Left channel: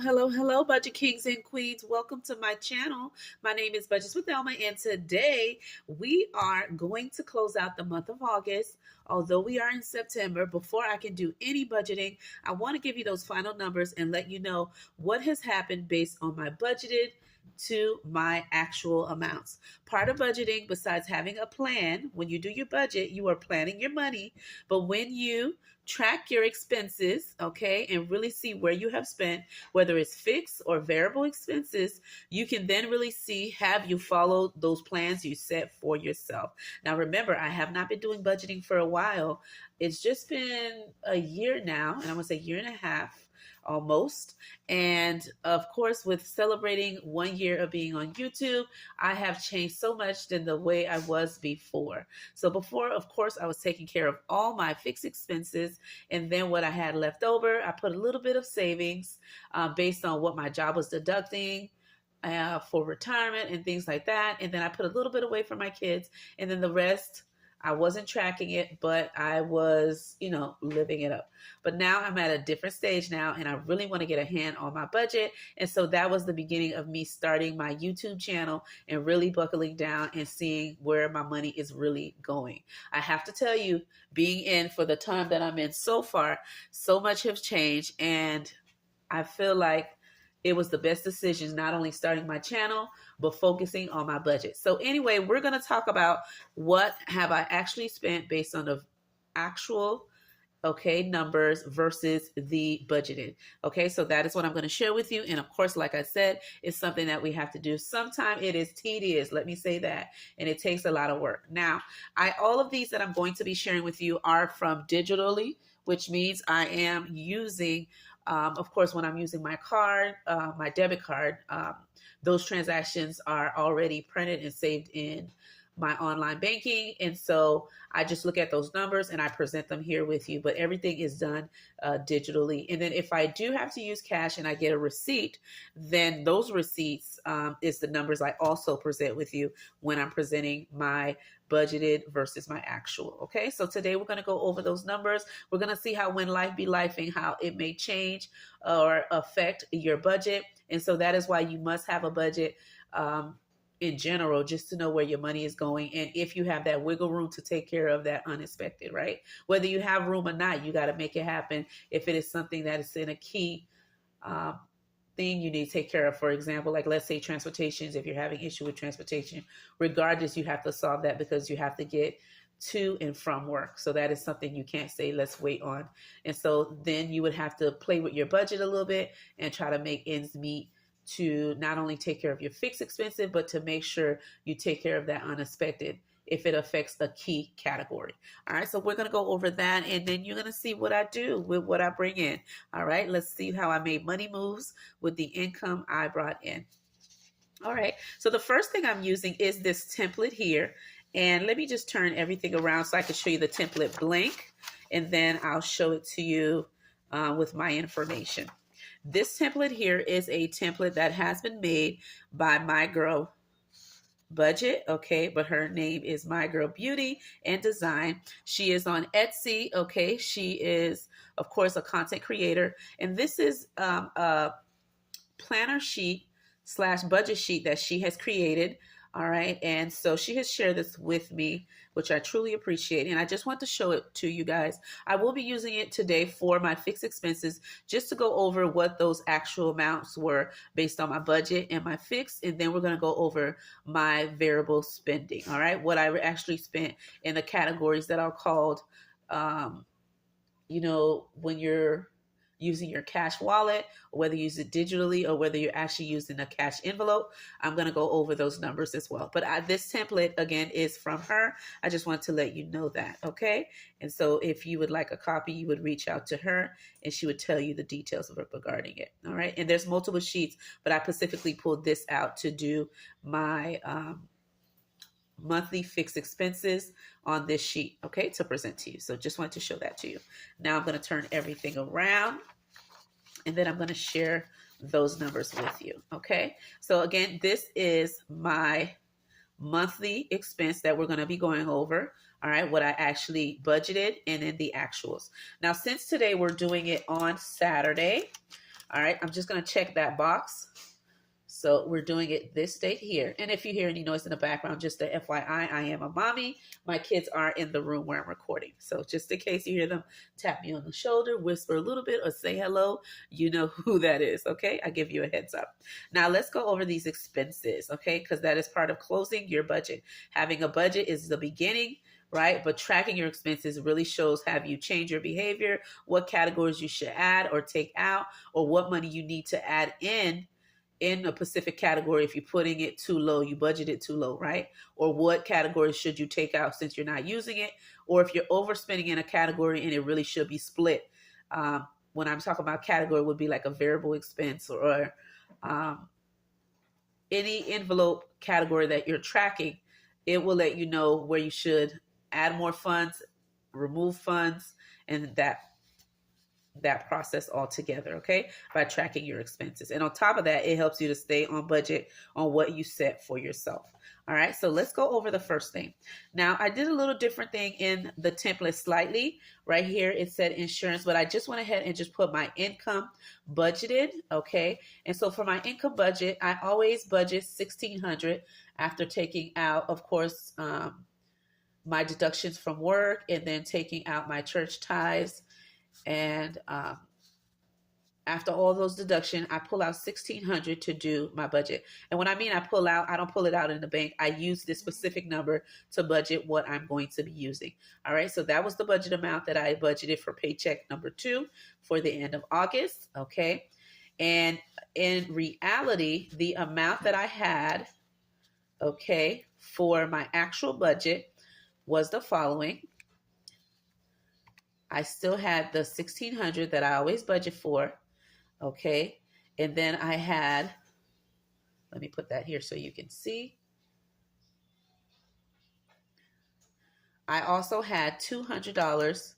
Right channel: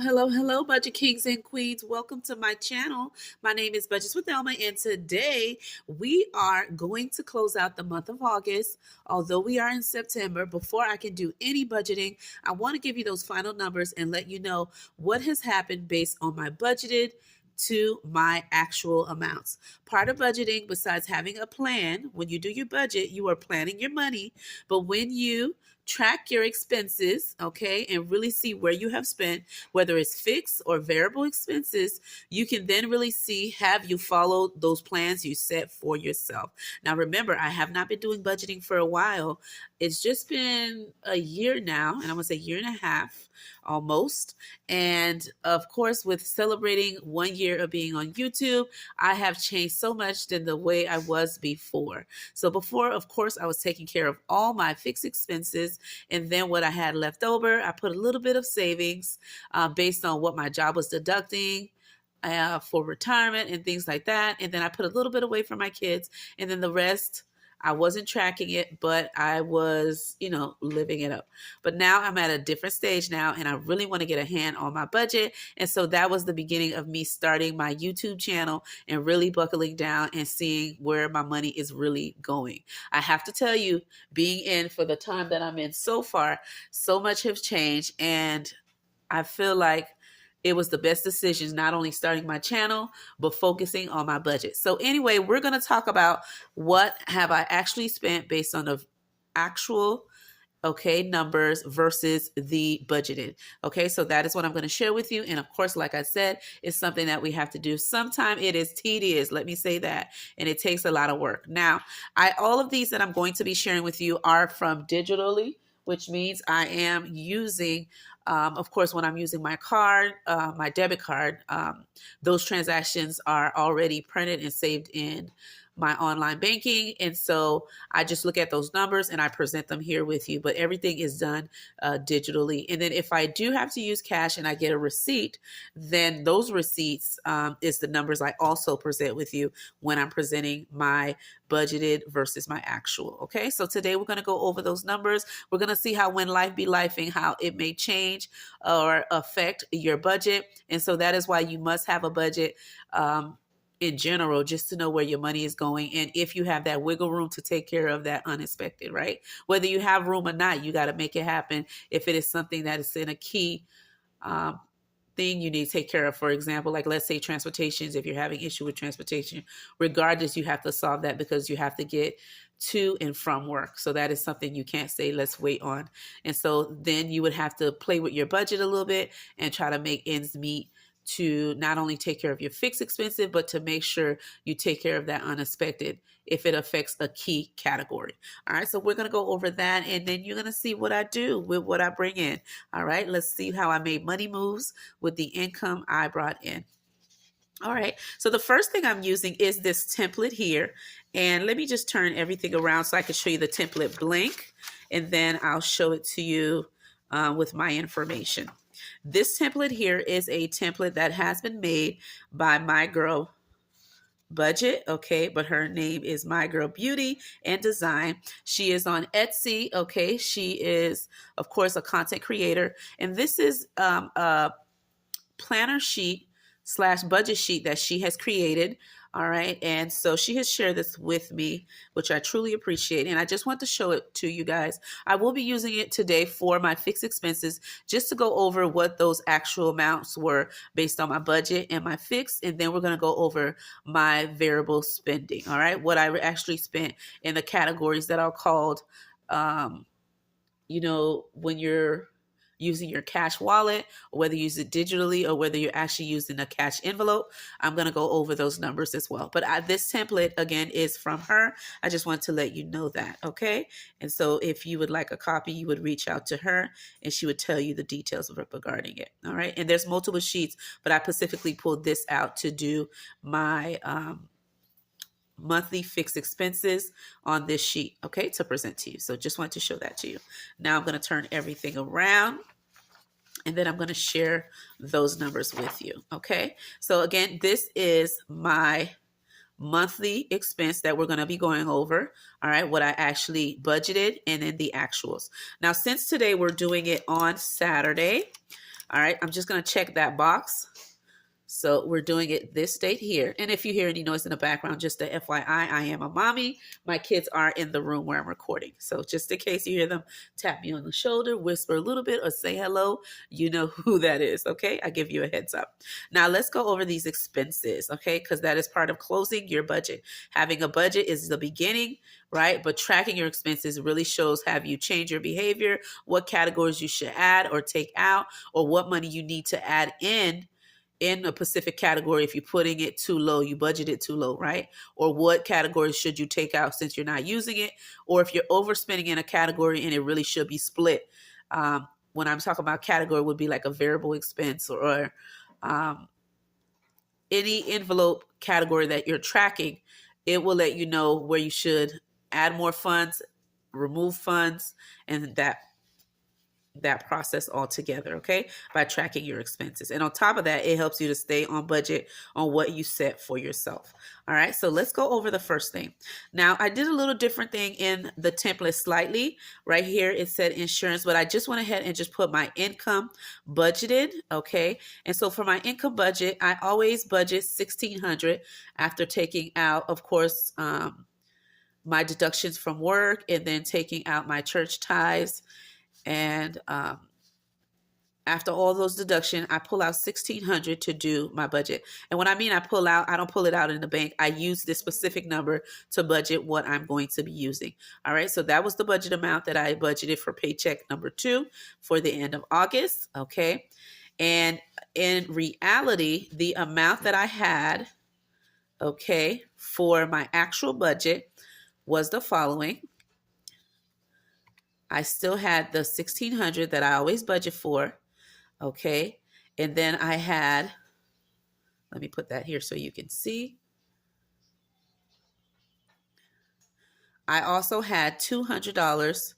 Hello, Budget Kings and Queens. Welcome to my channel. My name is Budgets with Elma, and today we are going to close out the month of August. Although we are in September, before I can do any budgeting, I want to give you those final numbers and let you know what has happened based on my budgeted to my actual amounts. Part of budgeting, besides having a plan, when you do your budget, you are planning your money. But when you track your expenses, okay, and really see where you have spent, whether it's fixed or variable expenses, you can then really see, have you followed those plans you set for yourself. Now, remember, I have not been doing budgeting for a while. It's just been a year now, and I'm going to say year and a half almost. And of course, with celebrating 1 year of being on YouTube, I have changed so much than the way I was before. So before, of course, I was taking care of all my fixed expenses. And then what I had left over, I put a little bit of savings based on what my job was deducting for retirement and things like that. And then I put a little bit away for my kids. And then the rest, I wasn't tracking it, but I was, living it up. But now I'm at a different stage now, and I really want to get a hand on my budget. And so that was the beginning of me starting my YouTube channel and really buckling down and seeing where my money is really going. I have to tell you, being in for the time that I'm in so far, so much has changed. And I feel like it was the best decision, not only starting my channel, but focusing on my budget. So anyway, we're going to talk about what have I actually spent based on the actual, numbers versus the budgeted. Okay, so that is what I'm going to share with you. And of course, like I said, it's something that we have to do. Sometimes it is tedious, let me say that, and it takes a lot of work. Now, all of these that I'm going to be sharing with you are from digitally, which means I am using of course, when I'm using my card, my debit card, those transactions are already printed and saved in my online banking. And so I just look at those numbers and I present them here with you, but everything is done digitally. And then if I do have to use cash and I get a receipt, then those receipts is the numbers I also present with you when I'm presenting my budgeted versus my actual. Okay, so today we're going to go over those numbers. We're going to see how when life be lifing, how it may change or affect your budget. And so that is why you must have a budget in general, just to know where your money is going. And if you have that wiggle room to take care of that unexpected, right? Whether you have room or not, you got to make it happen. If it is something that is in a key thing you need to take care of, for example, like let's say transportations, if you're having issue with transportation, regardless, you have to solve that because you have to get to and from work. So that is something you can't say, let's wait on. And so then you would have to play with your budget a little bit and try to make ends meet to not only take care of your fixed expenses, but to make sure you take care of that unexpected if it affects a key category. All right, so we're going to go over that, and then you're going to see what I do with what I bring in. All right, let's see how I made money moves with the income I brought in. All right, so the first thing I'm using is this template here. And let me just turn everything around so I can show you the template blank, and then I'll show it to you with my information. This template here is a template that has been made by my girl Budget, okay, but her name is My Girl Beauty and Design. She is on Etsy, okay. She is, of course, a content creator, and this is a planner sheet / budget sheet that she has created. All right. And so she has shared this with me, which I truly appreciate. And I just want to show it to you guys. I will be using it today for my fixed expenses, just to go over what those actual amounts were based on my budget and my fixed. And then we're going to go over my variable spending. All right. What I actually spent in the categories that are called, when you're using your cash wallet, or whether you use it digitally, or whether you're actually using a cash envelope. I'm going to go over those numbers as well. But this template, again, is from her. I just want to let you know that, okay? And so if you would like a copy, you would reach out to her, and she would tell you the details regarding it, all right? And there's multiple sheets, but I specifically pulled this out to do my monthly fixed expenses on this sheet, okay, to present to you. So just want to show that to you. Now I'm going to turn everything around, and then I'm going to share those numbers with you, okay? So again, this is my monthly expense that we're going to be going over, all right, what I actually budgeted, and then the actuals. Now, since today we're doing it on Saturday, All right, I'm just going to check that box. So we're doing it this date here. And if you hear any noise in the background, just a FYI, I am a mommy. My kids are in the room where I'm recording. So just in case you hear them tap me on the shoulder, whisper a little bit, or say hello, you know who that is, okay? I give you a heads up. Now let's go over these expenses, okay? Because that is part of closing your budget. Having a budget is the beginning, right? But tracking your expenses really shows have you changed your behavior, what categories you should add or take out, or what money you need to add in a specific category. If you're putting it too low, you budget it too low, right? Or what categories should you take out since you're not using it? Or if you're overspending in a category and it really should be split. When I'm talking about category, would be like a variable expense or any envelope category that you're tracking. It will let you know where you should add more funds, remove funds, and that process altogether, okay, by tracking your expenses. And on top of that, it helps you to stay on budget on what you set for yourself. All right, so let's go over the first thing. Now, I did a little different thing in the template slightly. Right here, it said insurance, but I just went ahead and just put my income budgeted, okay? And so for my income budget, I always budget $1,600 after taking out, of course, my deductions from work and then taking out my church tithes. And after all those deductions, I pull out $1,600 to do my budget. And when I mean I pull out, I don't pull it out in the bank. I use this specific number to budget what I'm going to be using. All right, so that was the budget amount that I budgeted for paycheck number 2 for the end of August. Okay, and in reality, the amount that I had, okay, for my actual budget was the following. I still had the $1,600 that I always budget for, okay? And then I had, let me put that here so you can see. I also had $200,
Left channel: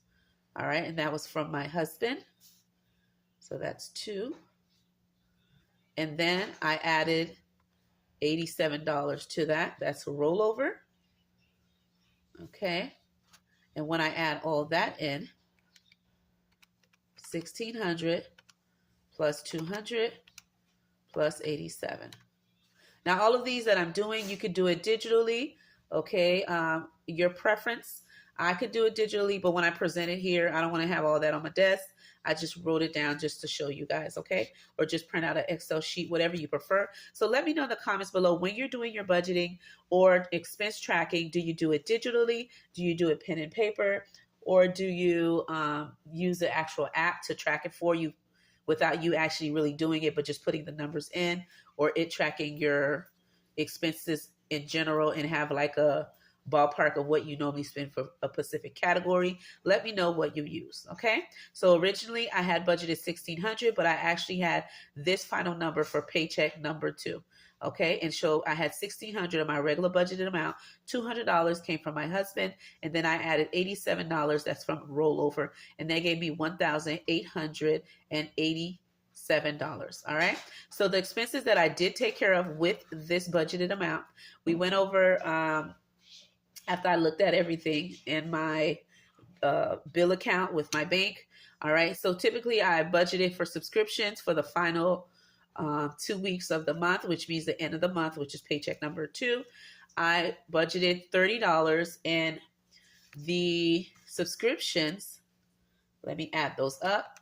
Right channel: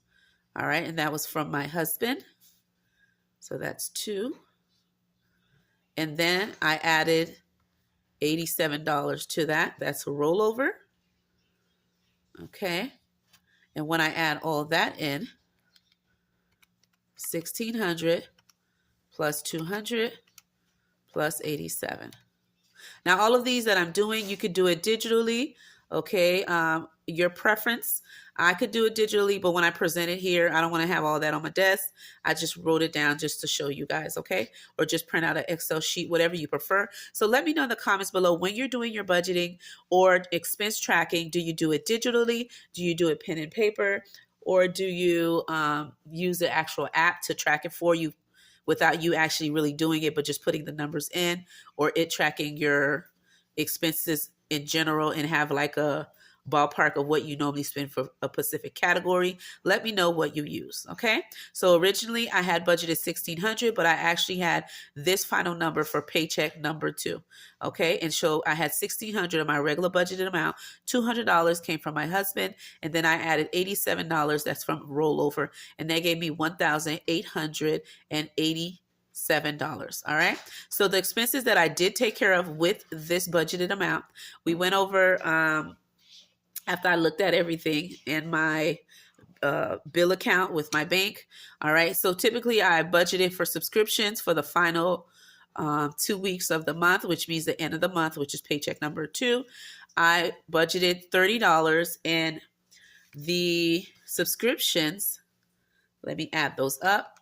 all right? And that was from my husband. So that's 2. And then I added $87 to that. That's a rollover, okay? And when I add all that in, 1,600 plus 200 plus 87. Now, all of these that I'm doing, you could do it digitally, okay? Your preference. I could do it digitally, but when I present it here, I don't want to have all that on my desk. I just wrote it down just to show you guys, okay? Or just print out an Excel sheet, whatever you prefer. So let me know in the comments below when you're doing your budgeting or expense tracking. Do you do it digitally? Do you do it pen and paper? Or do you use the actual app to track it for you without you actually really doing it, but just putting the numbers in, or it tracking your expenses in general and have like a ballpark of what you normally spend for a specific category? Let me know what you use, okay? So originally I had budgeted $1,600, but I actually had this final number for paycheck number 2, okay? And so I had $1,600 of my regular budgeted amount, $200 came from my husband, and then I added $87 that's from rollover, and that gave me $1,887. All right. So the expenses that I did take care of with this budgeted amount, we went over after I looked at everything in my bill account with my bank. All right. So typically I budgeted for subscriptions for the final 2 weeks of the month, which means the end of the month, which is paycheck number 2. I budgeted $30, and the subscriptions, let me add those up.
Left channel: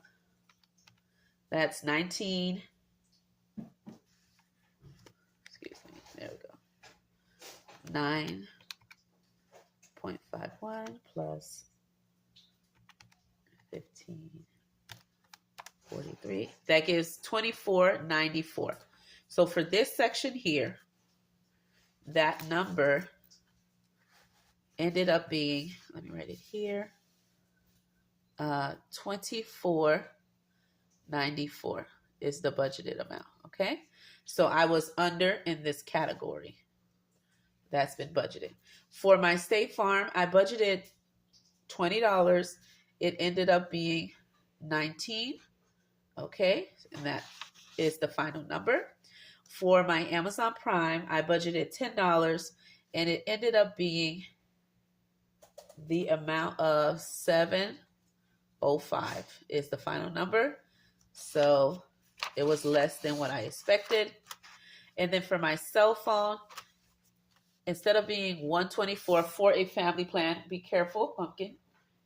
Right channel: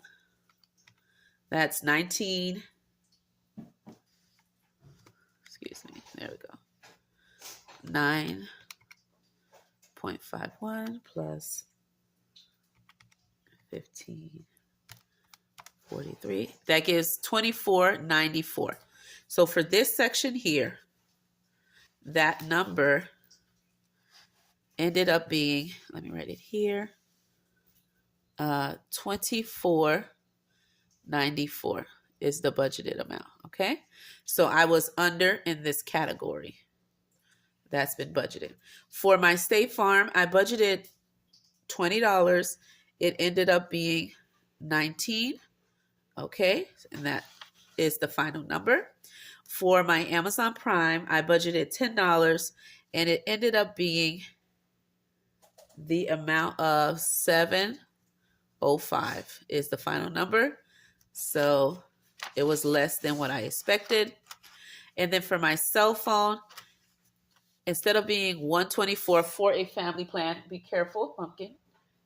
That's 19. Excuse me. There we go. 9.51 plus 15.43. That gives $24.94. So for this section here, that number ended up being, let me write it here, $24.94 is the budgeted amount, okay? So I was under in this category. That's been budgeted. For my State Farm, I budgeted $20. It ended up being 19, okay? And that is the final number. For my Amazon Prime, I budgeted $10, and it ended up being the amount of $7.05 is the final number. So It was less than what I expected. And then for my cell phone, instead of being $124 for a family plan, be careful, pumpkin.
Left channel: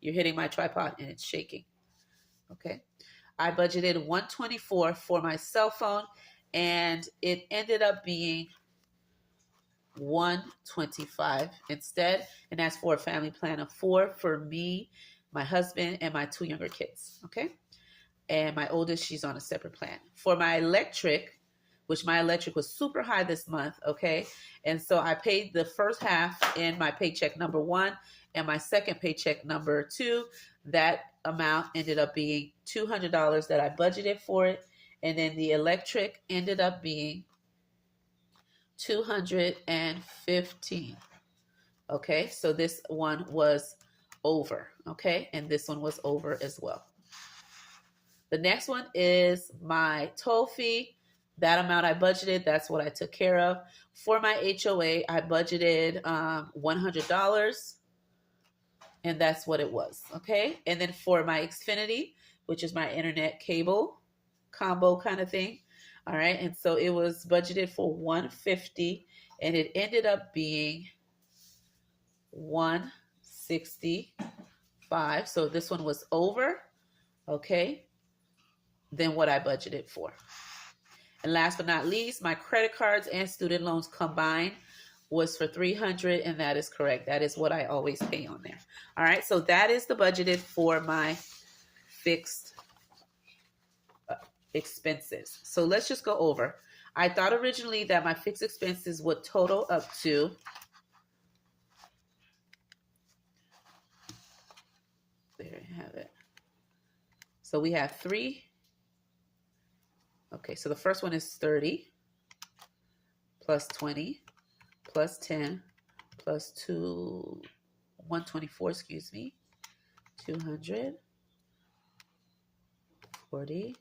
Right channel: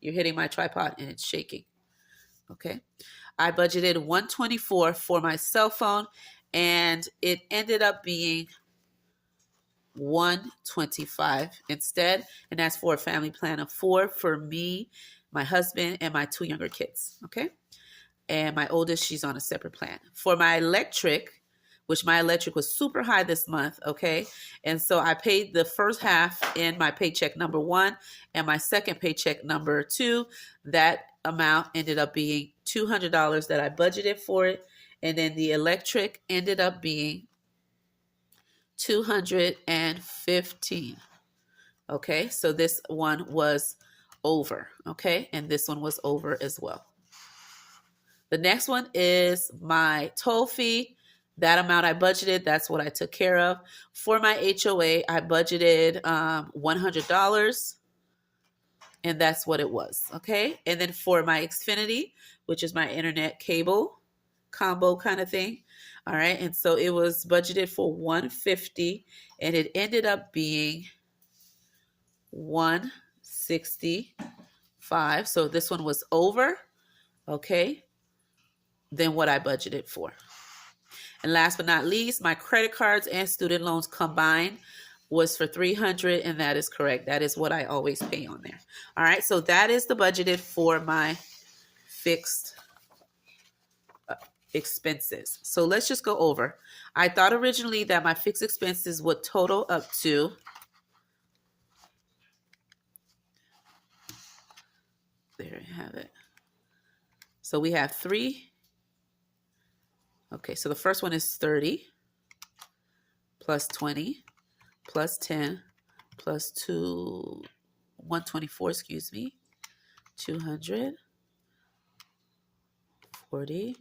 You're hitting my tripod and it's shaking. Okay. I budgeted $124 for my cell phone, and it ended up being $125 instead. And that's for a family plan of 4 for me, my husband, and my 2 younger kids. Okay. And my oldest, she's on a separate plan. For my electric, which my electric was super high this month, okay? And so I paid the first half in my paycheck number 1 and my second paycheck number 2. That amount ended up being $200 that I budgeted for it. And then the electric ended up being $215. Okay, so this one was over, okay? And this one was over as well. The next one is my toll fee. That amount I budgeted, that's what I took care of. For my HOA, I budgeted $100, and that's what it was, okay? And then for my Xfinity, which is my internet cable combo kind of thing, all right? And so it was budgeted for $150, and it ended up being $165. So this one was over, okay, than what I budgeted for. And last but not least, my credit cards and student loans combined was for $300, and that is correct. That is what I always pay on there. All right, so that is the budgeted for my fixed expenses. So let's just go over. I thought originally that my fixed expenses would total up to there you have it. So we have 3. Okay, so the first one is 30 plus 20 plus 10 plus 124, excuse me, 200, 40,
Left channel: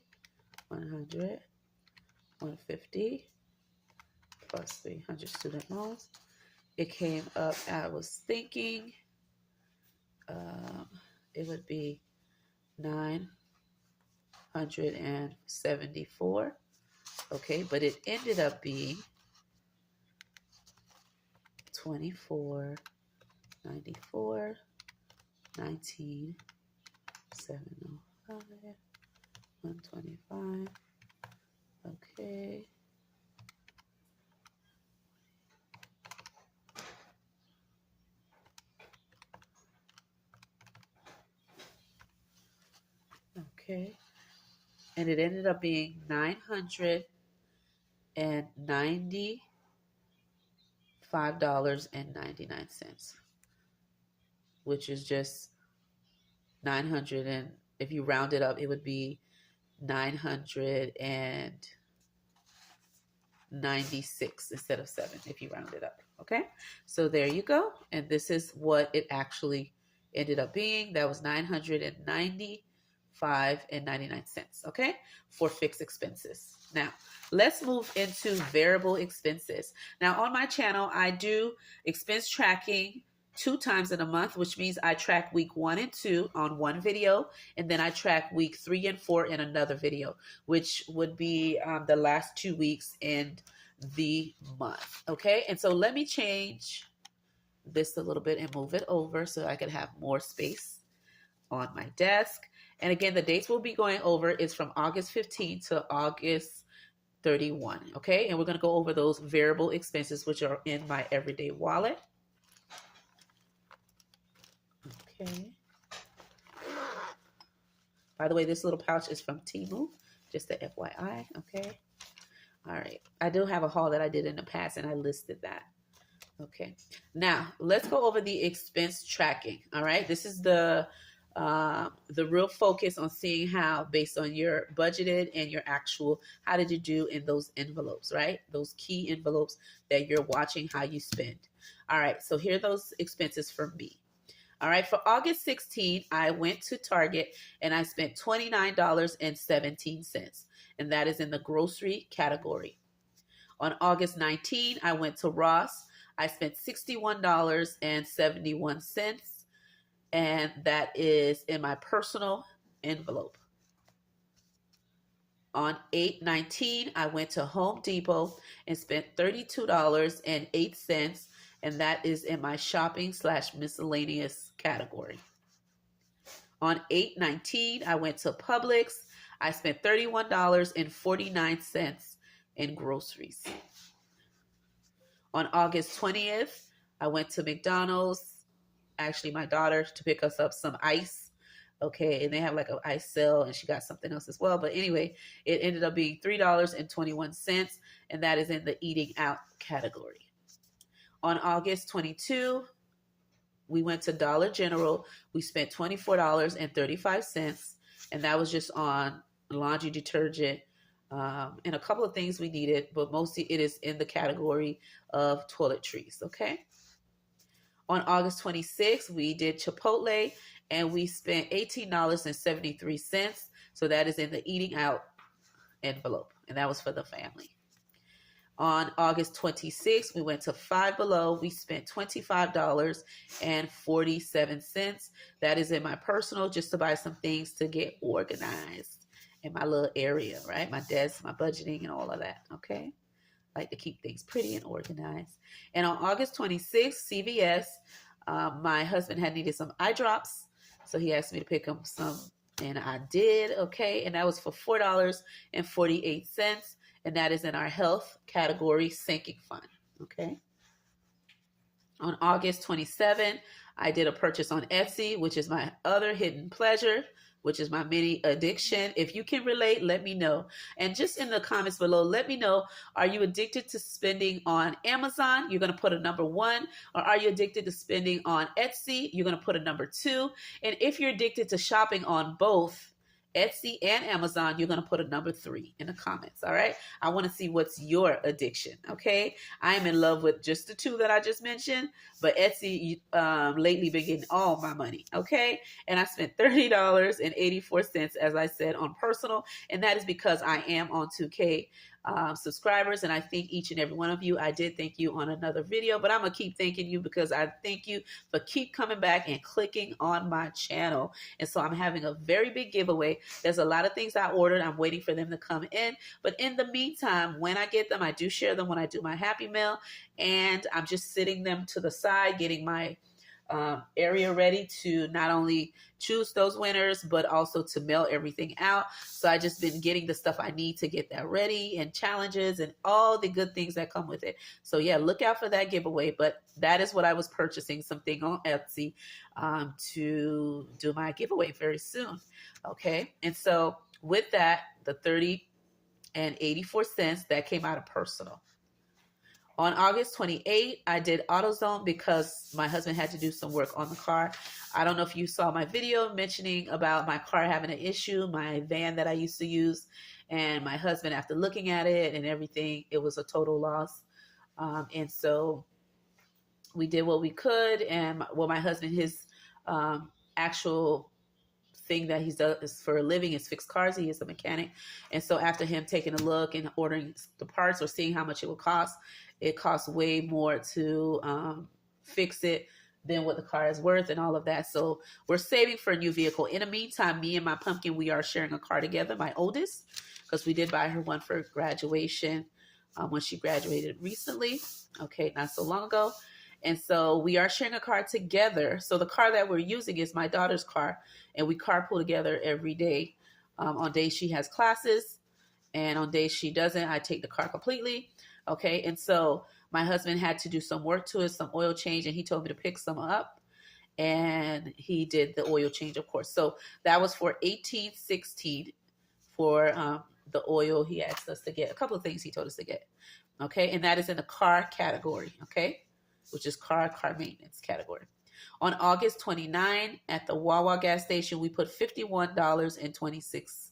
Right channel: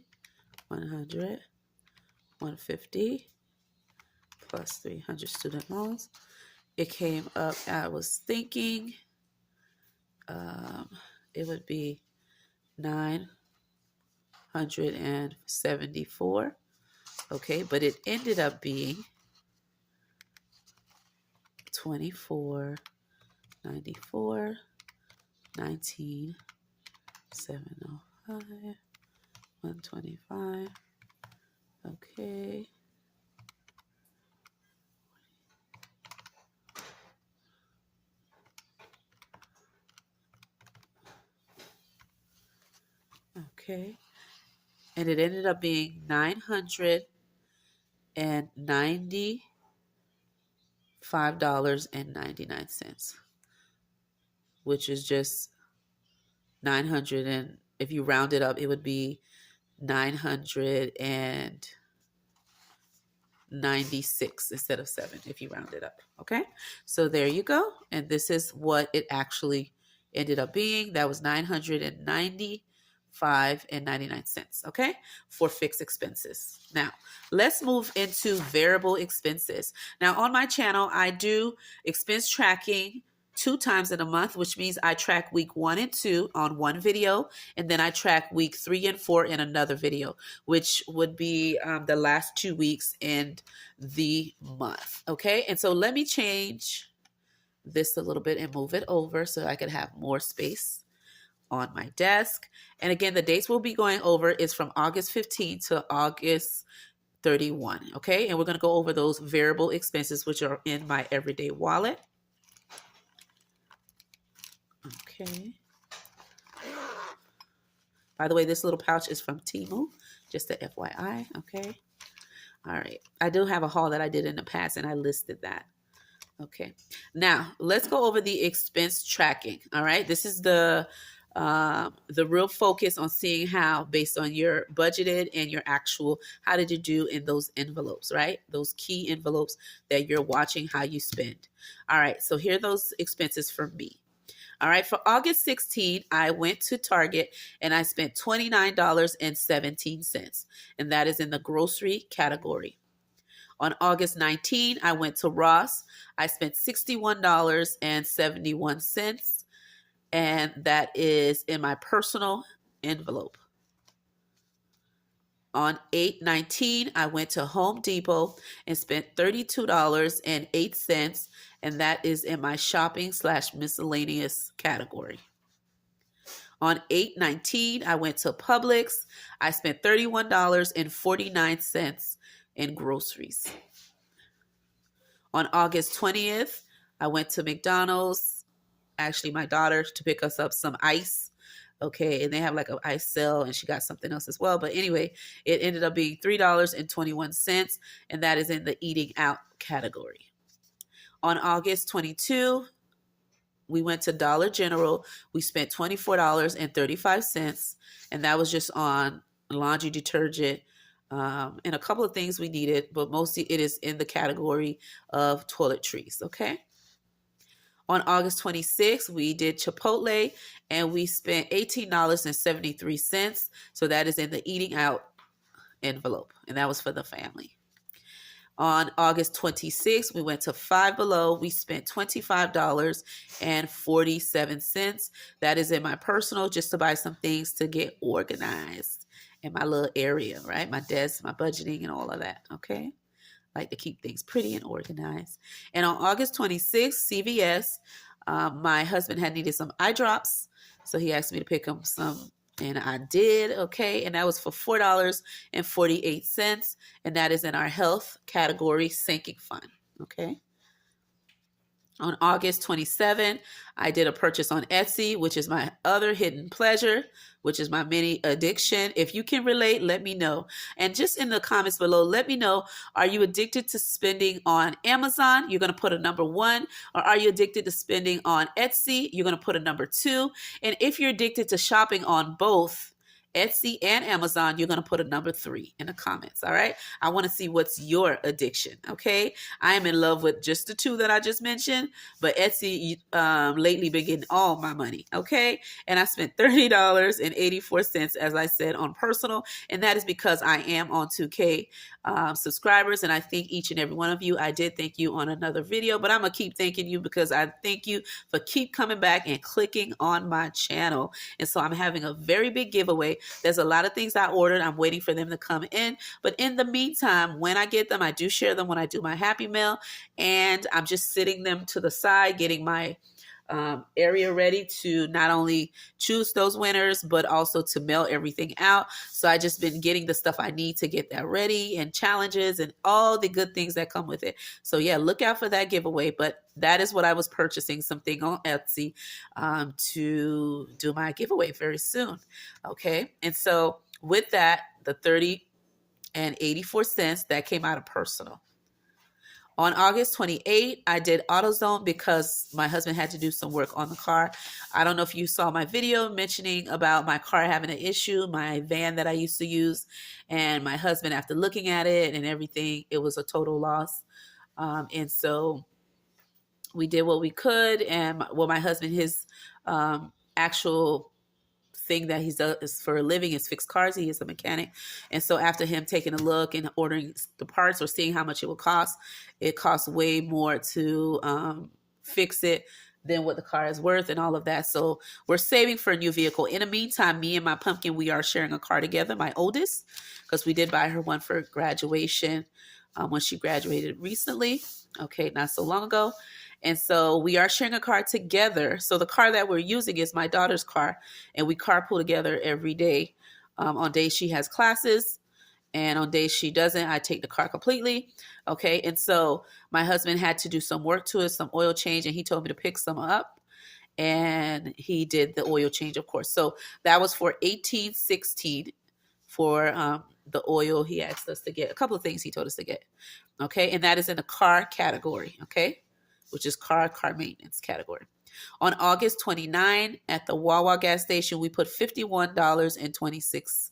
100, 150 plus 300 student loans. It came up, I was thinking it would be 974. Okay, but it ended up being 2494, 19705, 125. Okay. Okay. And it ended up being $995.99, which is just 900, and if you round it up, it would be 996 instead of 7 if you round it up. Okay, so there you go, and this is what it actually ended up being. That was $995.99. Okay, for fixed expenses. Now let's move into variable expenses. Now on my channel, I do expense tracking 2 times in a month, which means I track week 1 and 2 on one video, and then I track week 3 and 4 in another video, which would be the last 2 weeks in the month. Okay, and so let me change this a little bit and move it over so I can have more space on my desk. And again, the dates we'll be going over is from August 15 to August 31. Okay, and we're going to go over those variable expenses, which are in my everyday wallet. Okay. By the way, this little pouch is from Temu, just a FYI. Okay. All right. I do have a haul that I did in the past, and I listed that. Okay. Now let's go over the expense tracking. All right. This is the real focus on seeing how, based on your budgeted and your actual, how did you do in those envelopes, right? Those key envelopes that you're watching how you spend. All right. So here are those expenses for me. All right, for August 16, I went to Target and I spent $29.17, and that is in the grocery category. On August 19, I went to Ross. I spent $61.71, and that is in my personal envelope. On 8/19, I went to Home Depot and spent $32.08, and that is in my shopping/miscellaneous category. On 8/19, I went to Publix. I spent $31.49 in groceries. On August 20th, I went to McDonald's, actually my daughter, to pick us up some ice. Okay, and they have like an ice sale, and she got something else as well. But anyway, it ended up being $3.21, and that is in the eating out category. On August 22, we went to Dollar General. We spent $24.35, and that was just on laundry detergent and a couple of things we needed, but mostly it is in the category of toiletries. Okay. On August 26th, we did Chipotle, and we spent $18.73. So that is in the eating out envelope, and that was for the family. On August 26th, we went to Five Below. We spent $25.47. That is in my personal, just to buy some things to get organized in my little area, right? My desk, my budgeting, and all of that, okay? Like to keep things pretty and organized. And on August 26th, CVS, my husband had needed some eye drops, so he asked me to pick him some, and I did, okay? And that was for $4.48, and that is in our health category sinking fund, okay? On August 27th, I did a purchase on Etsy, which is my other hidden pleasure, which is my mini addiction. If you can relate, let me know. And just in the comments below, let me know, are you addicted to spending on Amazon? You're going to put a number 1. Or are you addicted to spending on Etsy? You're going to put a number 2. And if you're addicted to shopping on both Etsy and Amazon, you're going to put a number 3 in the comments. All right. I want to see what's your addiction. Okay. I am in love with just the 2 that I just mentioned, but Etsy lately been getting all my money. Okay. And I spent $30.84, as I said, on personal. And that is because I am on 2K subscribers, and I thank each and every one of you. I did thank you on another video, but I'm gonna keep thanking you because I thank you for keep coming back and clicking on my channel. And so I'm having a very big giveaway. There's a lot of things I ordered. I'm waiting for them to come in, but in the meantime, when I get them, I do share them when I do my happy mail, and I'm just sitting them to the side, getting my area ready to not only choose those winners, but also to mail everything out. So I just been getting the stuff I need to get that ready, and challenges and all the good things that come with it. So yeah, look out for that giveaway. But that is what I was purchasing, something on Etsy to do my giveaway very soon. Okay. And so with that, the $30.84, that came out of personal. On August 28th, I did AutoZone because my husband had to do some work on the car. I don't know if you saw my video mentioning about my car having an issue, my van that I used to use, and my husband, after looking at it and everything, it was a total loss. And so we did what we could. And my husband, his actual thing that he does for a living is fix cars. He is a mechanic. And so after him taking a look and ordering the parts or seeing how much it will cost, it costs way more to fix it than what the car is worth and all of that. So we're saving for a new vehicle. In the meantime, me and my pumpkin, we are sharing a car together, my oldest, because we did buy her one for graduation when she graduated recently. Okay, not so long ago. And so we are sharing a car together. So the car that we're using is my daughter's car, and we carpool together every day. On days she has classes, and on days she doesn't, I take the car completely. Okay. And so my husband had to do some work to it, some oil change, and he told me to pick some up, and he did the oil change, of course. So that was for $18.16 for the oil. He asked us to get a couple of things he told us to get. Okay. And that is in the car category. Okay. Which is car maintenance category. On August 29, at the Wawa gas station, we put $51.26,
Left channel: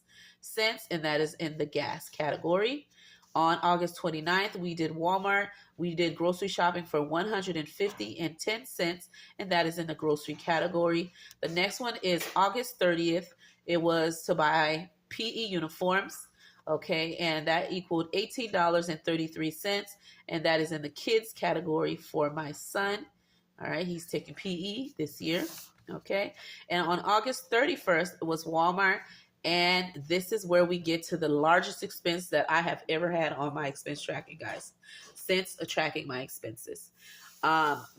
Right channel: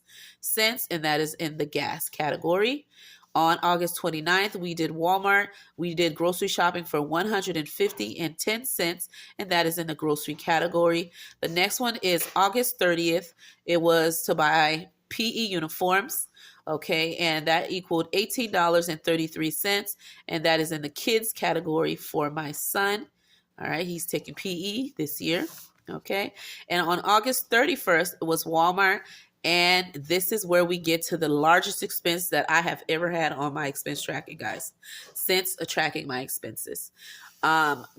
and that is in the gas category. On August 29th, we did Walmart. We did grocery shopping for $150.10, and that is in the grocery category. The next one is August 30th. It was to buy PE uniforms. Okay, and that equaled $18.33, and that is in the kids category for my son. All right, he's taking PE this year. Okay, and on August 31st, it was Walmart, And this is where we get to the largest expense that I have ever had on my expense tracking, guys, since tracking my expenses.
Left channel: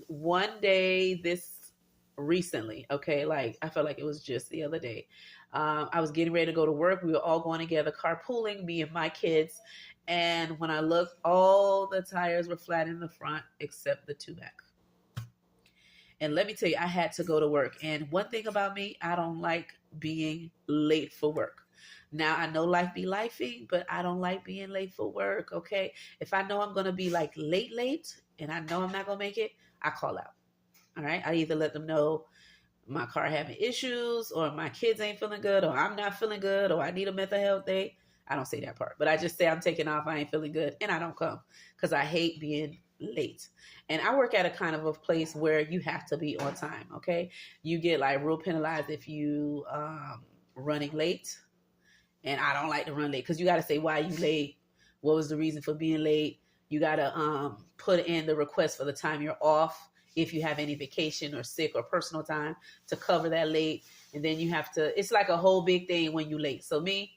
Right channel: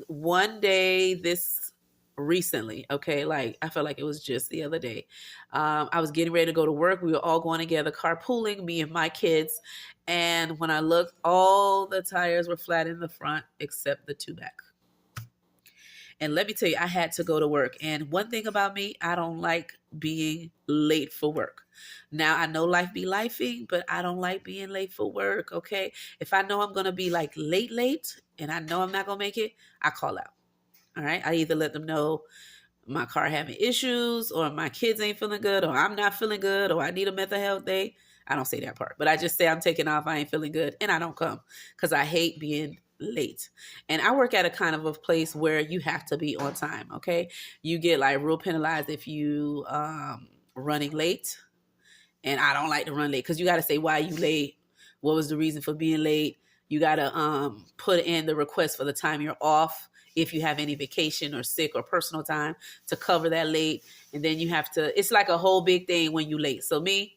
One day this recently, okay, like I felt like it was just the other day. I was getting ready to go to work. We were all going together, carpooling, me and my kids. And when I looked, all the tires were flat in the front except the two back. And let me tell you, I had to go to work. And one thing about me, I don't like being late for work. Now, I know life be lifing, but I don't like being late for work, okay? If I know I'm going to be like late, and I know I'm not going to make it, I call out. All right. I either let them know my car having issues, or my kids ain't feeling good, or I'm not feeling good, or I need a mental health day. I don't say that part, but I just say I'm taking off, I ain't feeling good, and I don't come because I hate being late. And I work at a kind of a place where you have to be on time, okay? You get like real penalized if you running late, and I don't like to run late because you got to say why you late, what was the reason for being late. You got to put in the request for the time you're off, if you have any vacation or sick or personal time to cover that late. And then you have to, it's like a whole big thing when you late. So me,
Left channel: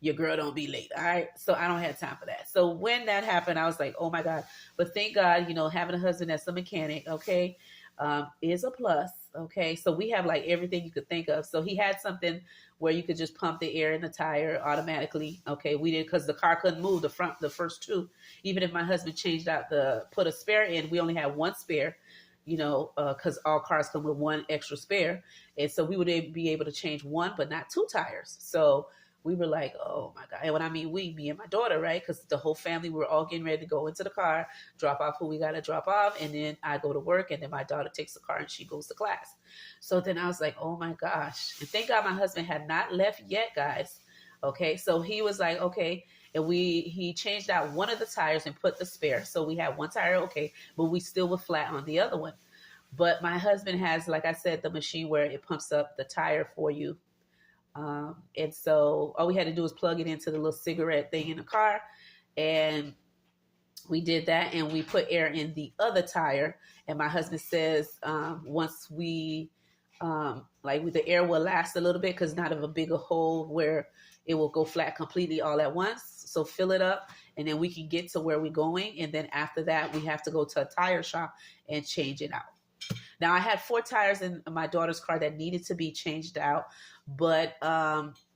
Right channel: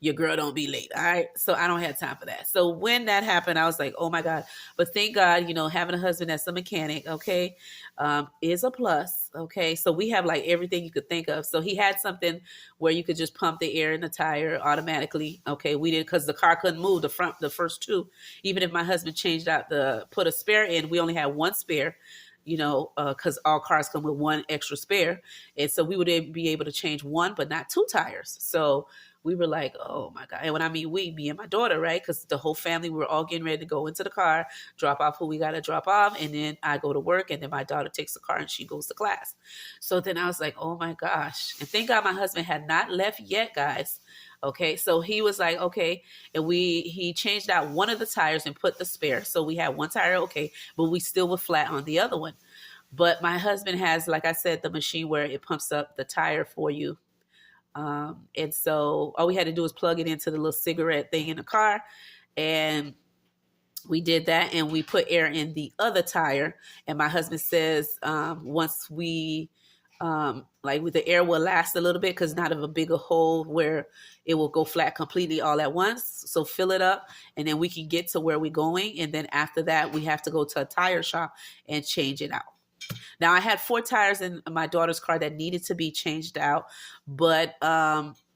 your girl don't be late. All right. So I don't have time for that. So when that happened, I was like, oh my God. But thank God, you know, having a husband that's a mechanic, okay, is a plus. Okay. So we have like everything you could think of. So he had something where you could just pump the air in the tire automatically. Okay. We did, because the car couldn't move the first two. Even if my husband changed out put a spare in, we only had one spare, you know, because all cars come with one extra spare. And so we would be able to change one, but not two tires. So we were like, oh my God. And when I mean we, me and my daughter, right? Because the whole family, we were all getting ready to go into the car, drop off who we got to drop off. And then I go to work, and then my daughter takes the car and she goes to class. So then I was like, oh my gosh. And thank God my husband had not left yet, guys. Okay, so he was like, okay, and he changed out one of the tires and put the spare. So we had one tire, okay, but we still were flat on the other one. But my husband has, like I said, the machine where it pumps up the tire for you. And so all we had to do was plug it into the little cigarette thing in the car, and we did that, and we put air in the other tire. And my husband says, once we like with the air will last a little bit, because not of a bigger hole where it will go flat completely all at once. So fill it up, and then we can get to where we're going. And then after that, we have to go to a tire shop and change it out. Now, I had 4 tires in my daughter's car that needed to be changed out, but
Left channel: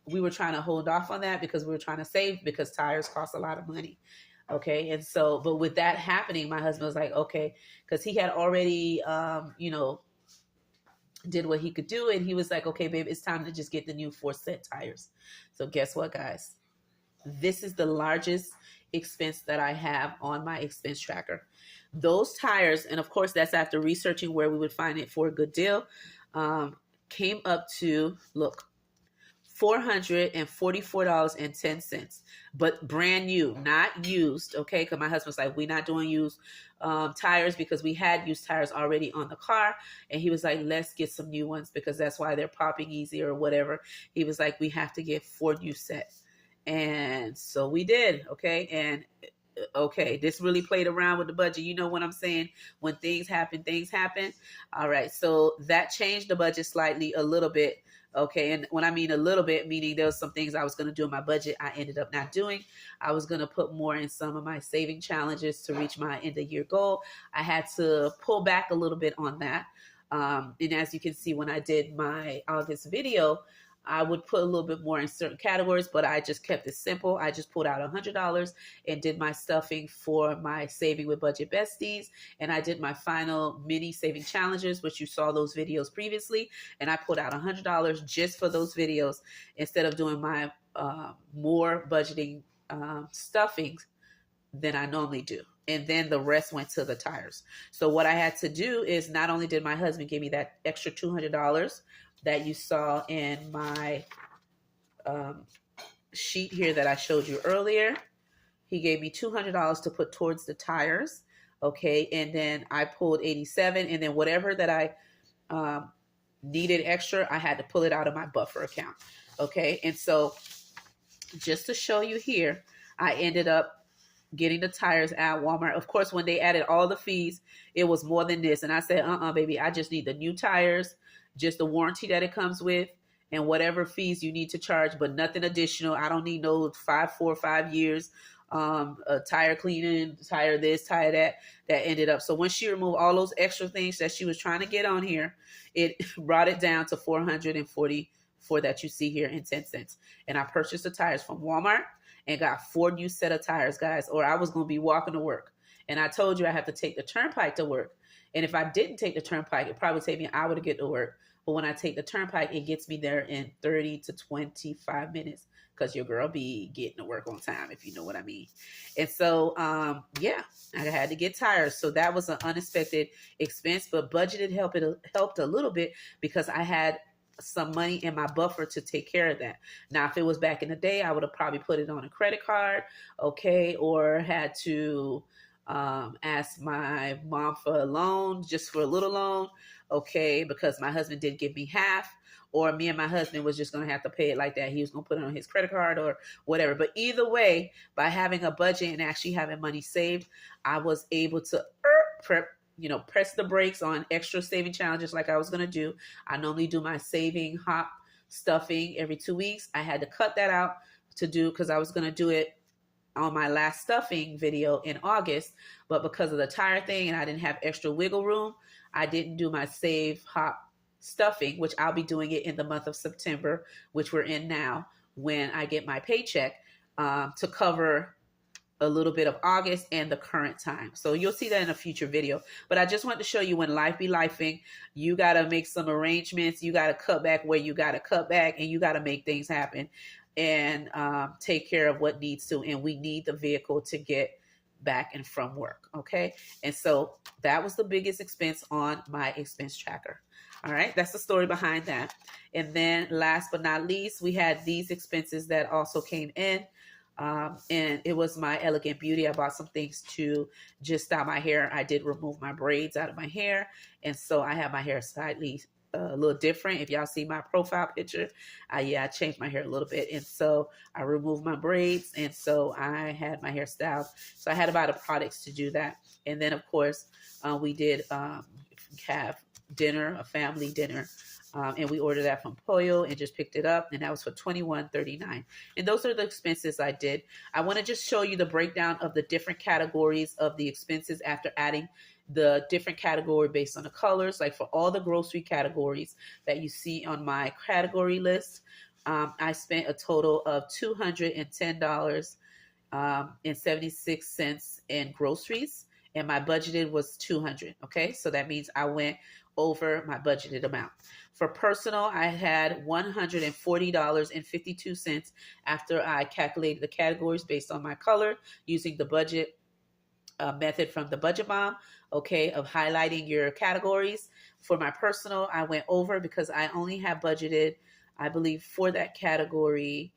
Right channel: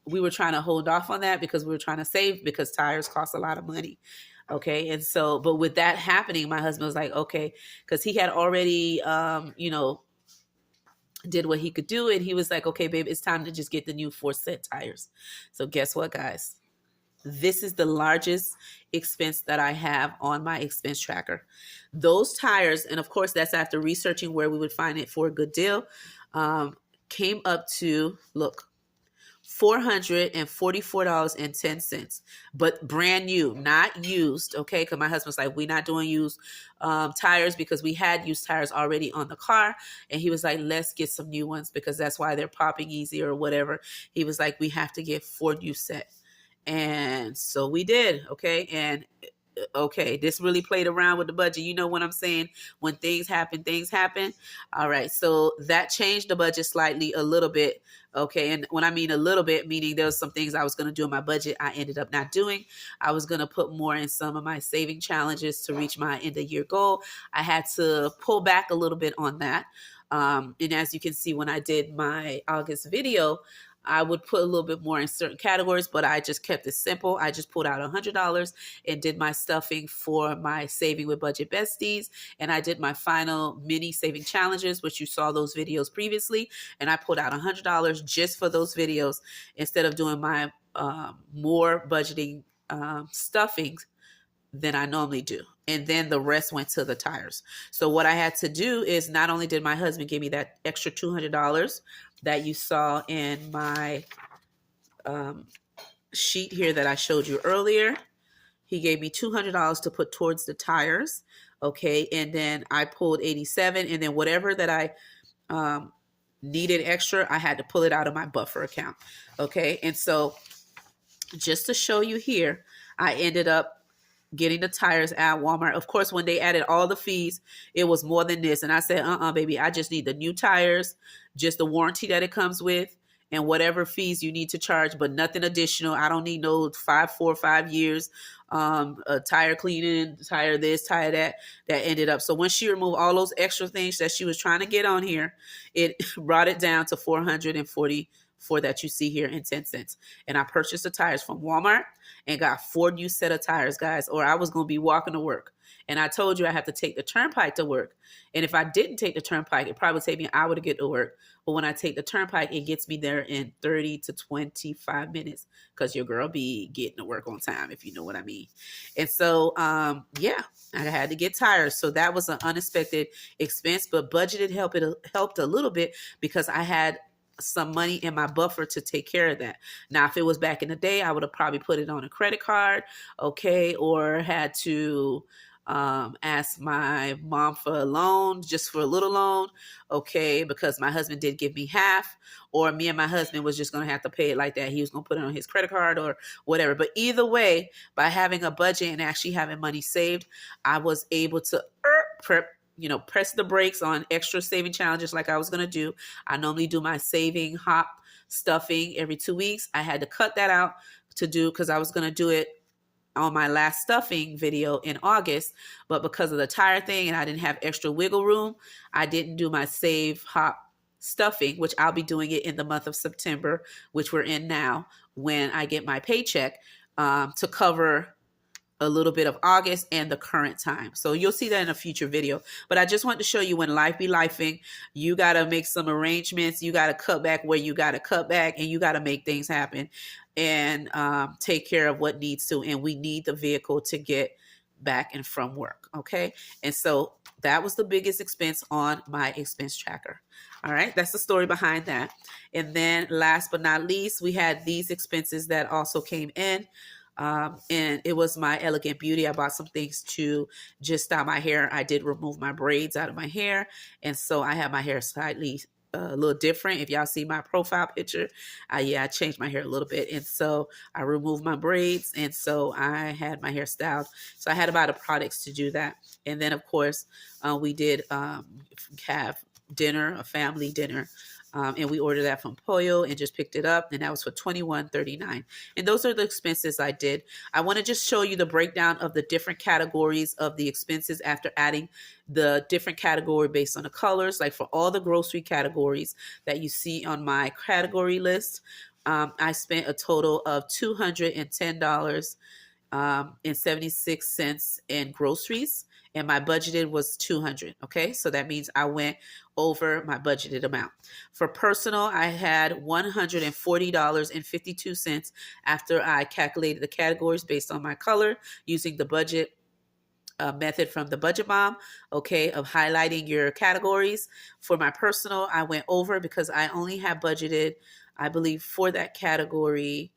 we were trying to hold off on that because we were trying to save, because tires cost a lot of money. Okay. And so, but with that happening, my husband was like, okay, because he had already, you know, did what he could do. And he was like, okay, babe, it's time to just get the new 4 set tires. So guess what, guys? This is the largest expense that I have on my expense tracker. Those tires, and of course, that's after researching where we would find it for a good deal, came up to, look, $444.10, but brand new, not used. Okay, because my husband's like, we're not doing used tires, because we had used tires already on the car, and he was like, let's get some new ones, because that's why they're popping easy or whatever. He was like, we have to get 4 new sets. And so we did. Okay. And okay, this really played around with the budget. You know what I'm saying? When things happen, things happen. All right. So that changed the budget slightly, a little bit. Okay. And when I mean a little bit, meaning there was some things I was going to do in my budget, I ended up not doing. I was going to put more in some of my saving challenges to reach my end of year goal. I had to pull back a little bit on that. And as you can see, when I did my August video, I would put a little bit more in certain categories, but I just kept it simple. I just pulled out $100 and did my stuffing for my Saving with Budget Besties. And I did my final mini saving challenges, which you saw those videos previously. And I pulled out $100 just for those videos, instead of doing my more budgeting stuffings than I normally do. And then the rest went to the tires. So what I had to do is, not only did my husband give me that extra $200 that you saw in my sheet here that I showed you earlier, he gave me $200 to put towards the tires. Okay. And then I pulled 87, and then whatever that I needed extra, I had to pull it out of my buffer account. Okay. And so just to show you here, I ended up getting the tires at Walmart. Of course, when they added all the fees, it was more than this. And I said, baby, I just need the new tires, just the warranty that it comes with, and whatever fees you need to charge, but nothing additional. I don't need no 4 or 5 years a tire cleaning, tire this, tire that. That ended up. So when she removed all those extra things that she was trying to get on here, it brought it down to 444 that you see here in 10 cents. And I purchased the tires from Walmart and got 4 new set of tires, guys, or I was going to be walking to work. And I told you I had to take the turnpike to work. And if I didn't take the turnpike, it'd probably take me an hour to get to work. But when I take the turnpike, it gets me there in 30 to 25 minutes because your girl be getting to work on time, if you know what I mean. And so, yeah, I had to get tires. So that was an unexpected expense, but budgeted helped a little bit because I had some money in my buffer to take care of that. Now, if it was back in the day, I would have probably put it on a credit card, okay, or had to ask my mom for a loan, just for a little loan, okay, because my husband did give me half, or me and my husband was just going to have to pay it like that. He was going to put it on his credit card or whatever. But either way, by having a budget and actually having money saved, I was able to press the brakes on extra saving challenges like I was going to do. I normally do my saving hop stuffing every 2 weeks. I had to cut that out to do because I was going to do it on my last stuffing video in August, but because of the tire thing and I didn't have extra wiggle room, I didn't do my save hop stuffing, which I'll be doing it in the month of September, which we're in now, when I get my paycheck, to cover a little bit of August and the current time. So you'll see that in a future video. But I just want to show you when life be lifing, you got to make some arrangements. You got to cut back where you got to cut back, and you got to make things happen and take care of what needs to. And we need the vehicle to get back and from work. Okay. And so that was the biggest expense on my expense tracker. All right. That's the story behind that. And then last but not least, we had these expenses that also came in. And it was my Elegant Beauty. I bought some things to just style my hair. I did remove my braids out of my hair. And so I have my hair slightly a little different. If y'all see my profile picture, I changed my hair a little bit. And so I removed my braids. And so I had my hair styled. So I had to buy the products to do that. And then, of course, we did have dinner, a family dinner. And we ordered that from Pollo and just picked it up. And that was for $21.39. And those are the expenses I did. I want to just show you the breakdown of the different categories of the expenses after adding the different category based on the colors. Like for all the grocery categories that you see on my category list, I spent a total of $210.76 in groceries. And my budgeted was $200. Okay, so that means I went over my budgeted amount. For personal, I had $140.52 after I calculated the categories based on my color using the budget method from the Budget Bomb, okay, of highlighting your categories. For my personal, I went over because I only have budgeted, I believe, for that category